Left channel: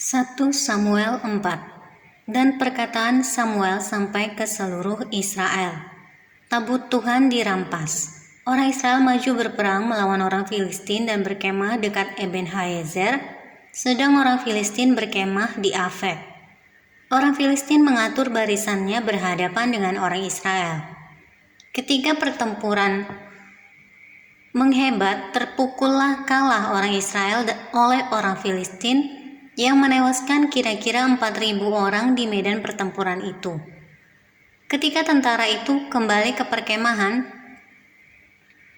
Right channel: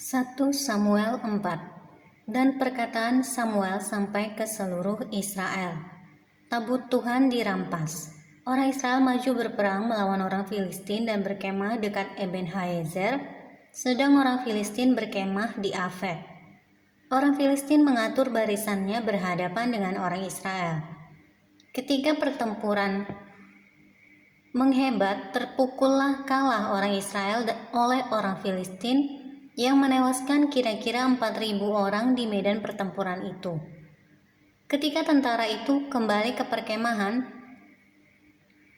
1 Samuel 4. Dan perkataan Samuel sampai ke seluruh Israel. Tabut Tuhan dirampas. Orang Israel maju berperang melawan orang Filistin dan berkemah dekat Ebenhaezer, sedang orang Filistin berkemah di Afek. Orang Filistin mengatur barisannya berhadapan dengan orang Israel. Ketika pertempuran menghebat, terpukullah kalah orang Israel oleh orang Filistin yang menewaskan kira-kira 4.000 orang di medan pertempuran itu. Ketika tentara itu kembali ke perkemahan,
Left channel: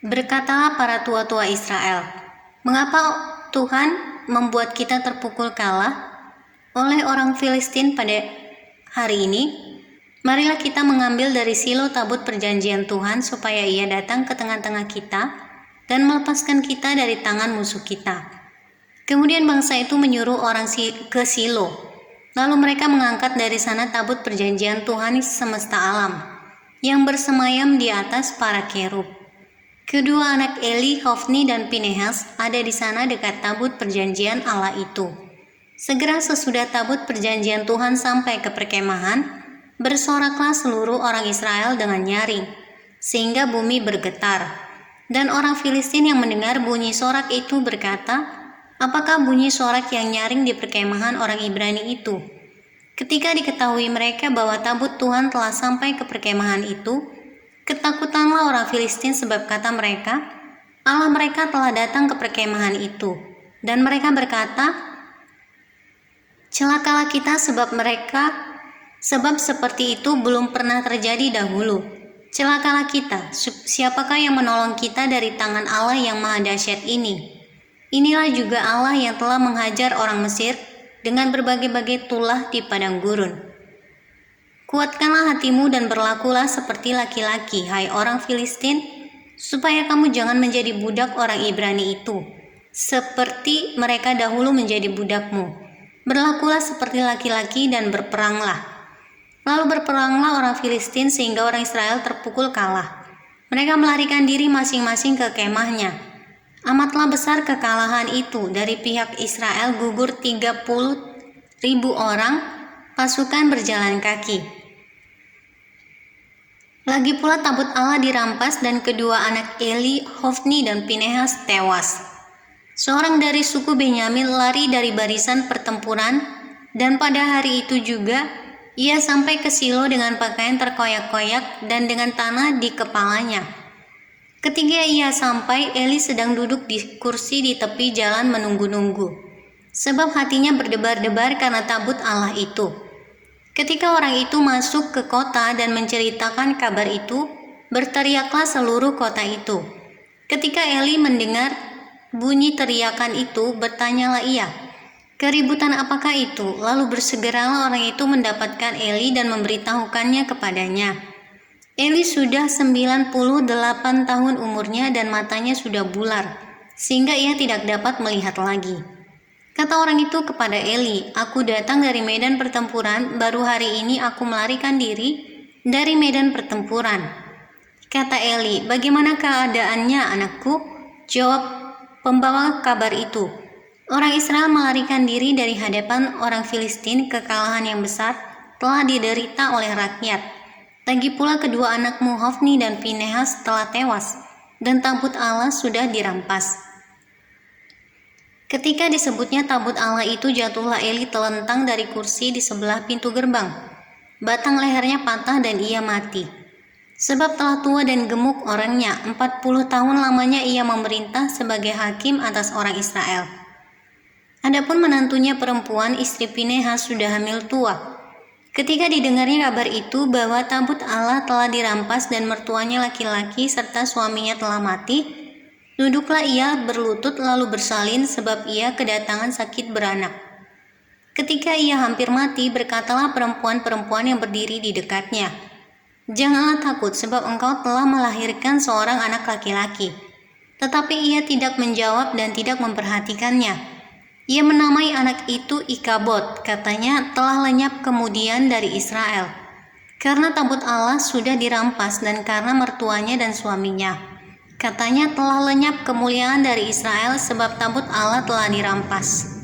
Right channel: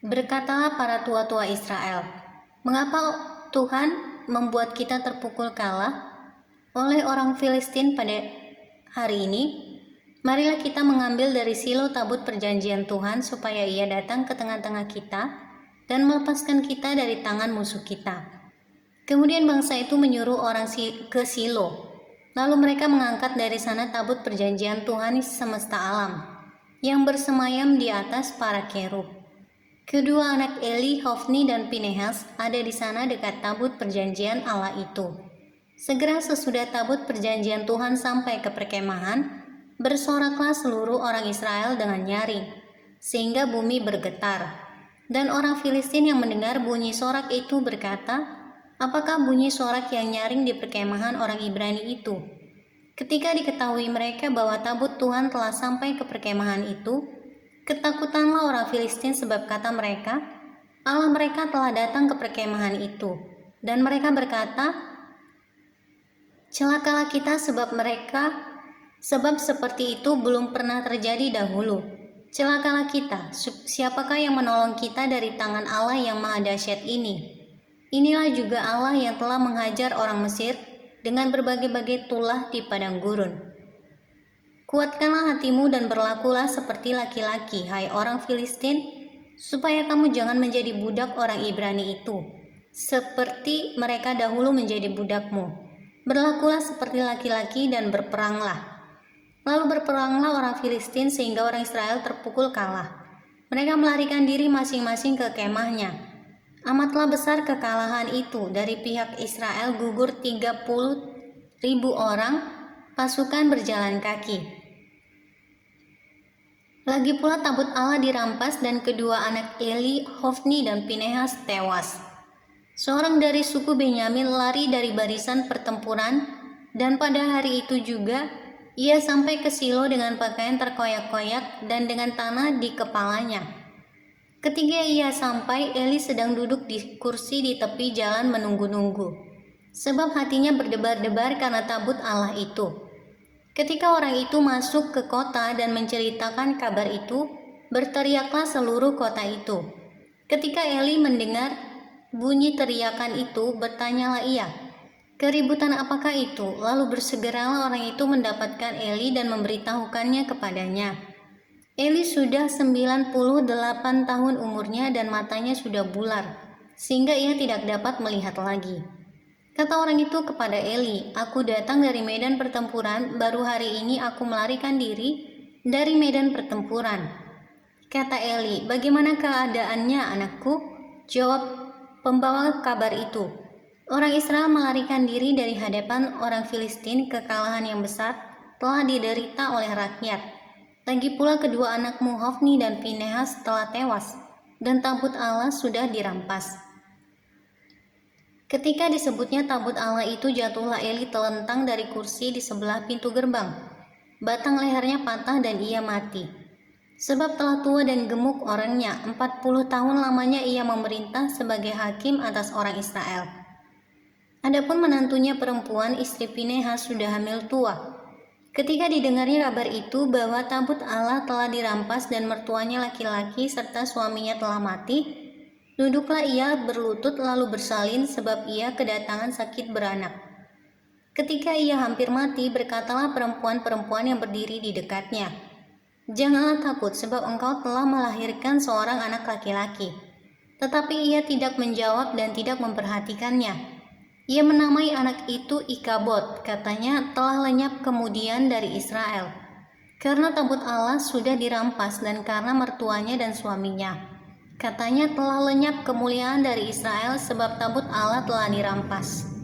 berkatalah para tua-tua Israel, "Mengapa Tuhan membuat kita terpukul kalah oleh orang Filistin pada hari ini? Marilah kita mengambil dari Silo tabut perjanjian Tuhan supaya ia datang ke tengah-tengah kita dan melepaskan kita dari tangan musuh kita." Kemudian bangsa itu menyuruh orang ke Silo. Lalu mereka mengangkat dari sana tabut perjanjian Tuhan semesta alam yang bersemayam di atas para kerub. Kedua anak Eli, Hofni dan Pinehas ada di sana dekat tabut perjanjian Allah itu. Segera sesudah tabut perjanjian Tuhan sampai ke perkemahan, bersoraklah seluruh orang Israel dengan nyaring, sehingga bumi bergetar. Dan orang Filistin yang mendengar bunyi sorak itu berkata, "Apakah bunyi sorak yang nyaring di perkemahan orang Ibrani itu?" Ketika diketahui mereka bahwa tabut Tuhan telah sampai ke perkemahan itu, ketakutanlah orang Filistin sebab kata mereka, Allah mereka telah datang ke perkemahan itu. Dan mereka berkata, "Celakalah kita sebab seperti itu belum pernah terjadi dahulu. Celakalah kita, siapakah yang menolong kita dari tangan Allah yang maha dahsyat ini? Inilah juga Allah yang telah menghajar orang Mesir dengan berbagai-bagai tulah di padang gurun. Kuatkanlah hatimu dan berlakulah seperti laki-laki, hai orang Filistin, supaya kamu jangan menjadi budak orang Ibrani itu, seperti mereka dahulu menjadi budakmu. Berlakulah seperti laki-laki dan berperanglah." Lalu berperanglah orang Filistin sehingga orang Israel terpukul kalah. Mereka melarikan diri masing-masing ke kemahnya. Amatlah besar kekalahan itu, dari pihak Israel gugur 30.000 orang, pasukan berjalan kaki. Lagi pula tabut Allah dirampas dan kedua anak Eli, Hofni dan Pinehas tewas. Seorang dari suku Benyamin lari dari barisan pertempuran, dan pada hari itu juga ia sampai ke Silo dengan pakaian terkoyak-koyak dan dengan tanah di kepalanya. Ketika ia sampai, Eli sedang duduk di kursi di tepi jalan menunggu-nunggu, sebab hatinya berdebar-debar karena tabut Allah itu. Ketika orang itu masuk ke kota dan menceritakan kabar itu, berteriaklah seluruh kota itu. Ketika Eli mendengar bunyi teriakan itu, bertanyalah ia, "Keributan apakah itu?" Lalu bersegeralah orang itu mendapatkan Eli dan memberitahukannya kepadanya. Eli sudah 98 tahun umurnya dan matanya sudah bular, sehingga ia tidak dapat melihat lagi. Kata orang itu kepada Eli, "Aku datang dari medan pertempuran, baru hari ini aku melarikan diri dari medan pertempuran." Kata Eli, "Bagaimana keadaannya, anakku?" Jawab pembawa kabar itu, "Orang Israel melarikan diri dari hadapan orang Filistin. Kekalahan yang besar telah diderita oleh rakyat. Lagi pula kedua anakmu Hofni dan Pinehas telah tewas, dan tabut Allah sudah dirampas." Ketika disebutnya tabut Allah itu, jatuhlah Eli telentang dari kursi di sebelah pintu gerbang. Batang lehernya patah dan ia mati. Sebab telah tua dan gemuk orangnya, 40 tahun lamanya ia memerintah sebagai hakim atas orang Israel. Adapun menantunya perempuan, istri Pinehas, sudah hamil tua. Ketika didengarnya kabar itu bahwa tabut Allah telah dirampas dan mertuanya laki-laki serta suaminya telah mati, duduklah ia berlutut lalu bersalin sebab ia kedatangan sakit beranak. Ketika ia hampir mati, berkatalah perempuan-perempuan yang berdiri di dekatnya, "Janganlah takut sebab engkau telah melahirkan seorang anak laki-laki." Tetapi ia tidak menjawab dan tidak memperhatikannya. Ia menamai anak itu Ikabod, katanya telah lenyap kemudian dari Israel, karena tabut Allah sudah dirampas dan karena mertuanya dan suaminya. Katanya telah lenyap kemuliaan dari Israel sebab tabut Allah telah dirampas.